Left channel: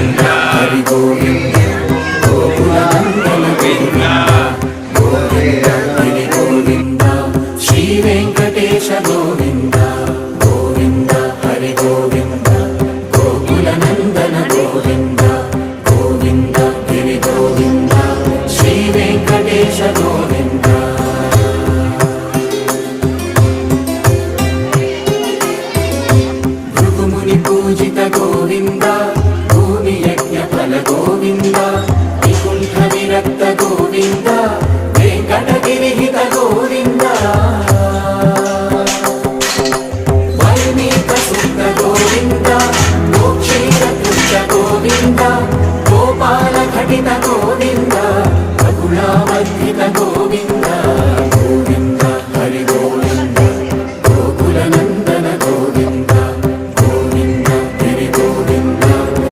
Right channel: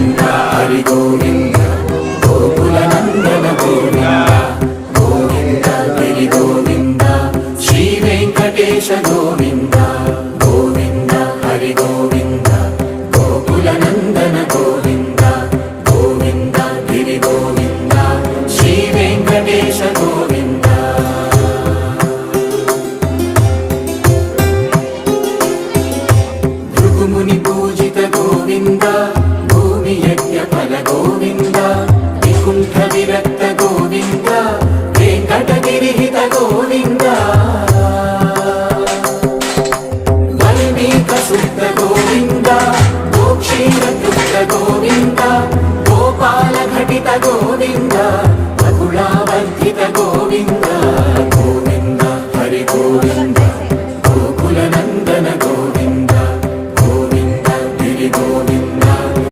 గోవింద హరి గోవింద గోకుల నందన గోవింద గోవింద హరి గోవింద శ్రీ వెంకటేశ గోవింద గోవింద హరి గోవింద గోకుల నందన గోవింద గోవింద గిరి గోవింద శ్రీ వెంకటేశ గోవింద భృగుముని పూజిత గోవింద భూమి యజ్ఞ ఫల గోవింద వికుంఠ విరక్త గోవింద వెంకటగిరిహిత గోవింద వల్మీక శుద్ధ గోవింద గోక్షీర తుల్య గోవింద గోపాల ఘటిత గోవింద బహుళావర్ధిత గోవింద